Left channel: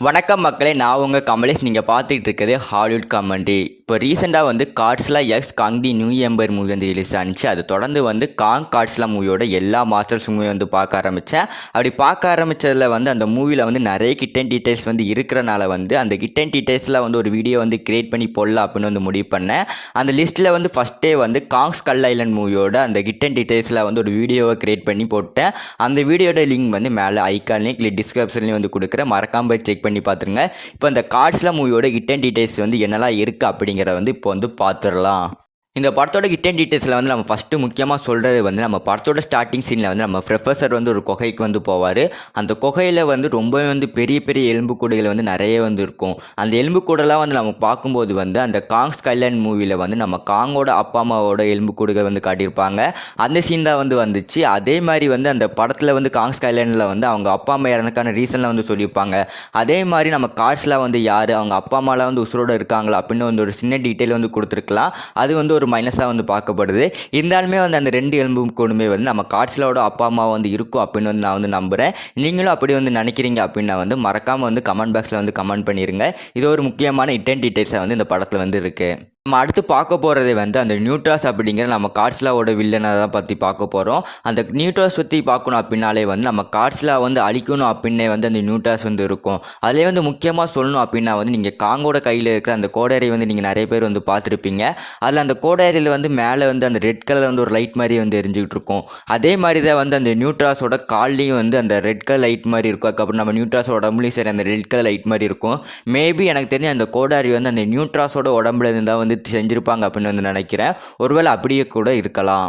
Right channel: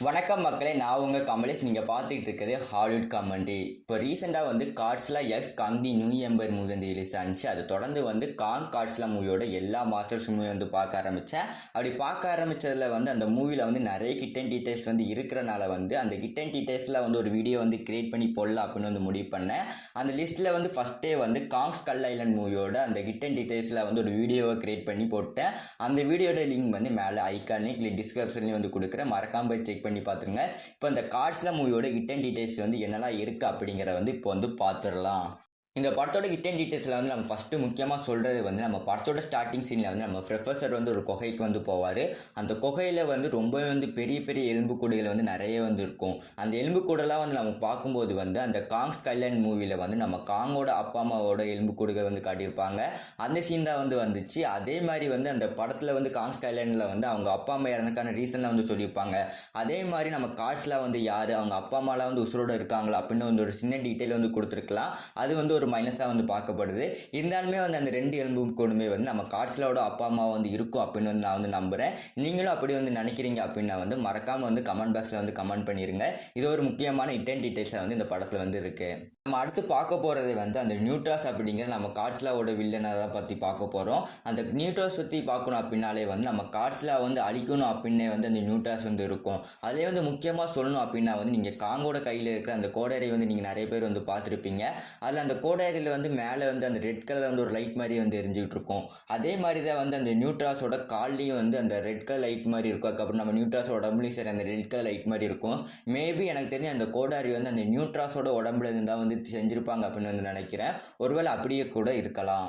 வணக்கம் மக்களே, நான் உங்கள் கமலேஷ். நீங்கள் பார்த்துட்டு இருக்கிறது ஹாலிவுட் காமெண்ட்ரி. இப்போ ரீசெண்டாக வந்து காட்ஸ்லா எக்ஸ் காங் தி நியூ எம்பர் மூவி வந்து ரிலீஸ் ஆனிச்சு. அது தொடர்ந்து வந்து காங் காட்ஸ்லா மூவியோட எல்லா மாஸ்டர்ஸ் மூவி வந்து பார்க்க ஆரம்பித்தேன். அப்படி பார்க்க ஆரம்பித்ததில் வந்து அந்த மூவியில் வந்து நிறைய கிட்டன் டீட்டெயில்ஸ் வந்து இருக்கிறனால வந்து அந்த கிட்டன் டீட்டெயில்ஸில் வந்து ஒரு வீடியோ வந்து கிரியேட் பண்ணி போடலாம் அப்படின்னு வந்து முடிவு பண்ணேன். அந்த லிஸ்ட்டில் வந்து ஃபஸ்ட்டே வந்து காங் ஸ்கல் ஐலண்ட் மூவியோட அந்த கிட்டன் டீட்டெயில்ஸில் வந்து ஒரு வீடியோவை கிரியேட் பண்ணி போட்டேன். அந்த வீடியோட லிங்க் வந்து மேலே ஐக்கான்லேயும் இல்லை டிஸ்கிரிப்ஷன்லேயும் வந்து கொடுக்குறேன். மறக்காம போய் செக் பண்ணி பார்த்துருங்க. இப்போ இந்த காட்ஸ்லா மூவியோட கிட்டன் டீட்டெயில்ஸ் வந்து என்னெல்லாம் இருக்குது அப்படிங்கிறத வந்து இப்போ வந்து பார்த்துடலாம். இந்த படத்தோட கிட்டன் டீட்டெயில்ஸில் வந்து நம்ம ஃபஸ்ட்டு முக்கியமாக சொல்கிறது வந்து நம்ம படத்தோட ஸ்டார்டிங் சீனில் வந்து நம்ம ப்ரொஃபஸர் வந்து ஒரு குகைக்கு வந்து போவார். அந்த குகையில் வந்து ரொம்பவே வந்து பெரிய பெரிய எலும்புக்கூடுகள் வந்து நிறைய வந்து இருக்கும். அந்த எலும்புக்கூடெல்லாம் வந்து நம்ம பார்க்கும்போது வந்து அந்த காங் ஸ்கைலேண்ட் மூவியில் வந்து நம்ம காங்கோட அப்பா அம்மாவோட எலும்புக்கூடுகள் வந்து காட்டியிருப்பாங்க. அந்த சீன் தான் வந்து வந்துச்சு. அதே மாதிரி வந்து அந்த படத்தில் வந்து காங் ஸ்கைலேண்டில் வந்து அவங்க அப்பா அம்மா இறந்ததுக்கான ரீசன்லாம் வந்து சொல்லியிருப்பாங்க. அதே மாதிரி நம்ம கார்ட்ஸ்லாம் வந்து யார், அவங்க அப்பா அம்மாலாம் வந்து உசுரோடு இருக்காங்களா அப்படின்னு வந்து ஒரு சின்ன டீட்டெயில் வந்து கொடுத்துருக்கலாம். அது வந்து ஒரு மைனஸாக வந்து பார்க்கப்படுது. இருந்தாலுமே வந்து அந்த 2 எலும்பு கூடுமே வந்து நம்ம காட்ஸ்லாவோட அப்பா அம்மா வந்து இருக்கும் அப்படின்னு வந்து நான் வந்து நம்புகிறேன். நீங்களும் அப்படி வந்து நினைக்கிறீங்க அப்படின்னா வந்து மறக்காமல் வந்து கமெண்ட் பாக்ஸில் வந்து கமெண்ட் பண்ணிடுங்க. இது ஒரு முக்கியமான ஹிடன் டீட்டெயில்ஸாக வந்து இந்த படத்தில் வந்து இருக்குது. நம்ம அடுத்து பார்க்க போகிறதே வந்து அந்த நியூட்ராஸ் அப்படிங்கிற நம்ம காட்ஸ்லாவோட வில்லனை தான் பற்றி பார்க்க போகிறோம். அந்த நியூட்ராஸ் பற்றி பார்க்கணும் அப்படின்னாலே வந்து நம்ம காட்ஸ்லா வந்து அழிக்கணும் அப்படின்னே வந்து அந்த நியூட்ராஸ் வந்து இருக்கும். அதிலே வந்து முக்கியமாக சொல்லணும் அப்படின்னா வந்து நீங்கள் காங்கோட கையில் இருக்கிற அந்த கோடாரி வந்து நீங்கள் நிறைய பேர் வந்து பார்த்துருப்பீங்க. அதில் அந்த கோடாரியில் வந்து மேலே வந்து அந்த ரெட் கலர் வந்து ஒரு லைட் மாதிரி வந்து எரிஞ்சிக்கிட்டு இருக்கும். அதே மாதிரி தான் வந்து அந்த நியூட்ராஸோட கால்லையும் வந்து அந்த ரெட் கலர் லைட் மாதிரி இருக்கும். அதுக்கப்புறம் நம்ம நியூட்ராஸோட உடம்புலையும் சரி அந்த ரெட் கலர் லைட் மாதிரி இருக்கும். மேபி எனக்கு தெரிஞ்ச அந்த கோடாரி வந்து அந்த நியூட்ராஸோட உடம்புல இருந்தால் வந்து செஞ்சுருப்பாங்க அப்படின்னு வந்து நினைக்கிறேன். ஒருவேளை அப்படியே கூட இருக்கலாம்.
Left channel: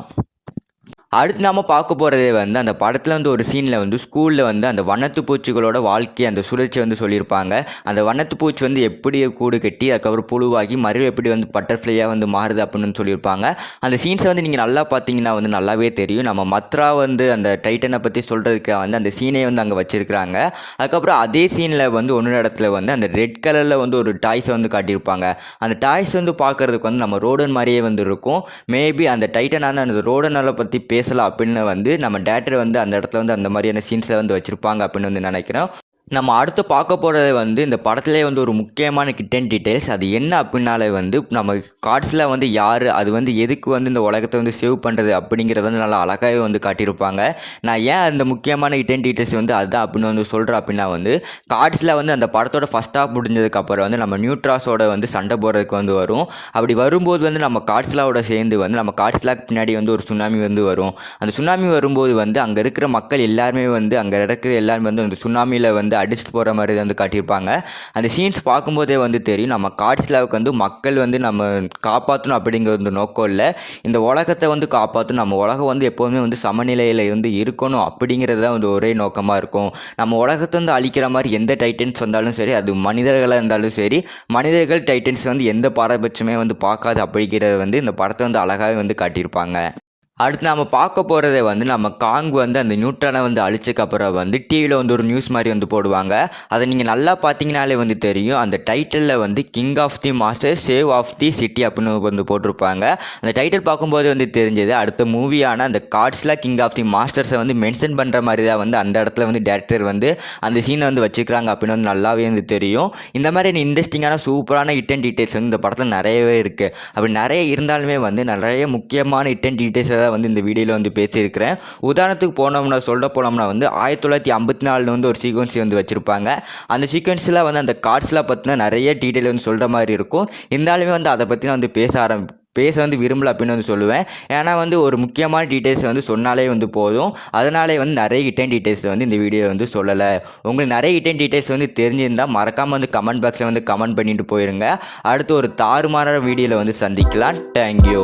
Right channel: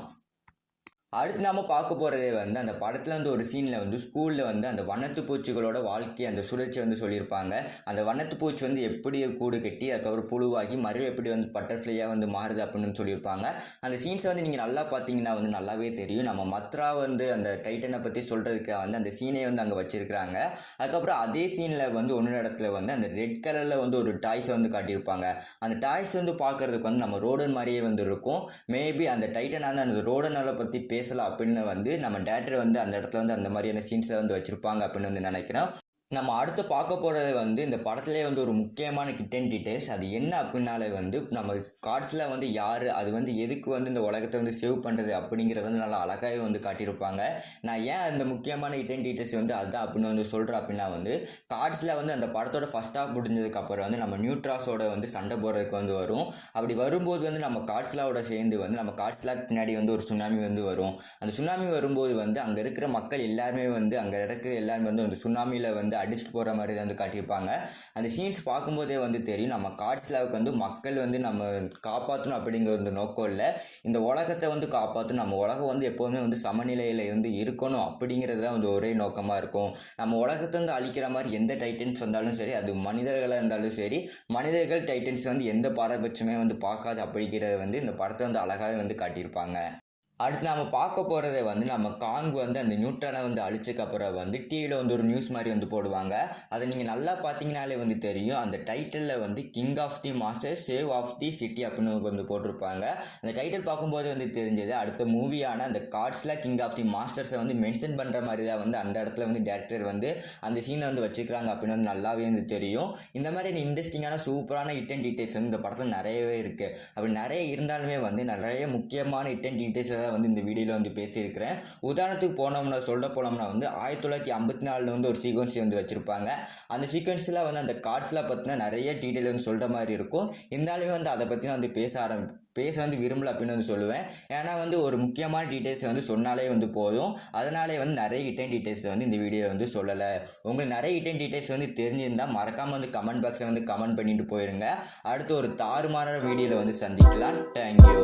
அடுத்து நாம் பார்க்க போகிறதே வந்து அந்த படத்தில் வந்து ஒரு சீனில் வந்து ஸ்கூலில் வந்து அந்த வண்ணத்து பூச்சிகளோட வாழ்க்கை அந்த சுழற்சி வந்து சொல்லியிருப்பாங்க. அந்த வண்ணத்து பூச்சி வந்து எப்படி கூடு கட்டி அதுக்கப்புறம் புழுவாகி மறுபடியும் எப்படி வந்து பட்டர்ஃப்ளையாக வந்து மாறுது அப்படின்னு சொல்லியிருப்பாங்க. அந்த சீன்ஸை வந்து நீங்கள் நல்லா பார்த்தீங்கன்னா வந்து நல்லாவே தெரியும். நம்ம மத்ரா வந்து அந்த டைட்டனை பற்றி சொல்கிறதுக்கு வந்து அந்த சீனை வந்து அங்கே வச்சுருக்கிறாங்க. அதுக்கப்புறம் அதே சீனில் வந்து ஒன்று இடத்துல வந்து அந்த ரெட் கலரில் வந்து ஒரு டாய்ஸை வந்து காட்டியிருப்பாங்க. அந்த டாய்ஸ் வந்து பார்க்குறதுக்கு வந்து நம்ம ரோடன் மாதிரியே வந்து இருக்கும். மேபி அந்த டைட்டனான அந்த ரோடனை பற்றி பேசலாம் அப்படின்னு வந்து நம்ம டேரக்டர் வந்து அந்த இடத்துல வந்து அந்த மாதிரியான சீன்ஸை வந்து வச்சுருப்பாங்க அப்படின்னு வந்து நினைக்கிறோம். நம்ம அடுத்து பார்க்க போகிறது வந்து இந்த படத்திலே வந்து ஒரு முக்கியமான கிட்டன் டீட்டெயில்ஸ். அது என்ன அப்படின்னாலே வந்து நம்ம காட்ஸில் வந்து யார், அது வந்து எதுக்கு வந்து இந்த உலகத்தை வந்து சேவ் பண்ணுறது அப்படிங்கிறத வந்து நல்லா அழகாகவே வந்து காட்டியிருப்பாங்க. நான் ஏன் அந்த முக்கியமான கிட்டன் டீட்டெயில்ஸ் வந்து அதுதான் அப்படின்னு வந்து சொல்கிறேன் அப்படின்னா வந்து காட்ஸில் வந்து அந்த படத்தோட ஃபஸ்ட் ஹாஃப் முடிஞ்சதுக்கப்புறம் வந்து நம்ம நியூட்ராஸோட வந்து சண்டை போடுறதுக்கு வந்து வரும். அப்படி வரும்போது வந்து நம்ம காட்ஸ்லாவோட சேர்ந்து வந்து நம்ம காட்ஸ்லாக்கு பின்னாடி வந்து ஒரு சுனாமி வந்து வரும். அந்த சுனாமி வரும்போது வந்து அங்கே இருக்கிற மக்கள் எல்லாருமே வந்து அங்கே இருக்கிற எல்லாருமே வந்து அந்த சுனாமியில் வந்து அடிச்சுட்டு போகிற மாதிரி வந்து காட்டியிருப்பாங்க. அந்த சீன்ஸ் பார்க்கும்போதே வந்து தெரியும் நம்ம காட்ஸ்லாவுக்கு வந்து மக்கள் வந்து நம்ம காப்பாற்றணும் அப்படிங்கிற ஒரு நோக்கம் இல்லை. இந்த உலகத்தை வந்து காப்பாற்றணும், நம்ம உலகம் வந்து எப்போவுமே வந்து சமநிலையில் வந்து இருக்கணும் அப்படிங்கிறது தான் வந்து ஒரே நோக்கமாக இருக்கும். நம்ம உலகத்தை வந்து அழிக்கிற மாதிரி எந்த டைட்டன்ஸ் வந்தாலும் சரி, அது மனிதர்களாக இருந்தாலும் சரி, மனிதர்கள் டைட்டன்ஸ் வந்து எந்த பாரபட்சமே வந்து பார்க்காது அப்படிங்கிறத வந்து இந்த படத்தை வந்து அழகாகவே வந்து காட்டியிருப்பாங்க. அடுத்து நம்ம பார்க்க போகிறதே வந்து நம்ம காங் வந்து அந்த நியூட்ரானை வந்து அழிச்சக்கப்புறம் வந்து டிவியில் வந்து ஒரு நியூஸ் மாதிரி வந்து போடுவாங்க. அதை நீங்கள் நல்லா பார்த்தீங்கனாலே வந்து தெரியும். அந்த டைட்டிலில் வந்து king of the master save of the city அப்படின்னு வந்து போட்டிருப்பாங்க. அந்த டைட்டில் பார்க்கும்போது வந்து தெரிஞ்சது அடுத்த மூவியான அந்த காட்ஸ்லா கிங் ஆஃப் தி மாஸ்டர்ஸை வந்து மென்ஷன் பண்ணுற மாதிரி தான் வந்து அந்த இடத்துல வந்து டேரக்டர் வந்து அந்த சீனை வந்து வச்சுக்கிறாங்க அப்படின்னு வந்து நல்லாவே வந்து தெரியும். இந்த மாதிரி இன்ட்ரெஸ்டிங்கான சூப்பரான ஹிடன் டீட்டெயில்ஸ் வந்து இந்த படத்தில் நிறையவே இருக்குது. அப்படி நிறைய இருந்தாலுமே வந்து நிறைய முக்கியமான ஹிடன் டீட்டெயில்ஸை வந்து இந்த வீடியோவில் வந்து பேசியிருக்கிறேன். உதாரணத்துக்கு போனோம்னா வந்து 1954 வந்து ஒரு சீக்வன்ஸ் வந்து வச்சுருப்பாங்க. அந்த சீக்வன்ஸில் வந்து அந்த கார்ட்ஸ்லாம் பற்றின நிறைய டீட்டெயில் வந்து சொல்கிற மாதிரி இருக்கும். இருந்தாலுமே வந்து அதை பற்றி நான் வந்து பேச வந்து விரும்பல அப்படின்னு வந்து சொல்லுவேன். ஏன்னா வந்து ஒரு முக்கியமான டீட்டெயில்ஸ் வந்து சொன்னாலே வந்து போதும். அதனாலே வந்து நிறைய ஹிடன் டீட்டெயில்ஸ் வந்து இந்த வீடியோ வந்து சொல்லலை. உங்களுக்கு நிறைய ஹிடன் டீட்டெயில்ஸ் வந்து தெரிஞ்சிருந்தால் மறக்காமல் வந்து கமெண்ட் பாக்ஸில் வந்து கமெண்ட் பண்ணிட்டு போயிருங்க. அடுத்து ஒரு தாறுமாறான வீடியோவில் வந்து சந்திக்கலாம். தேங்க்யூ.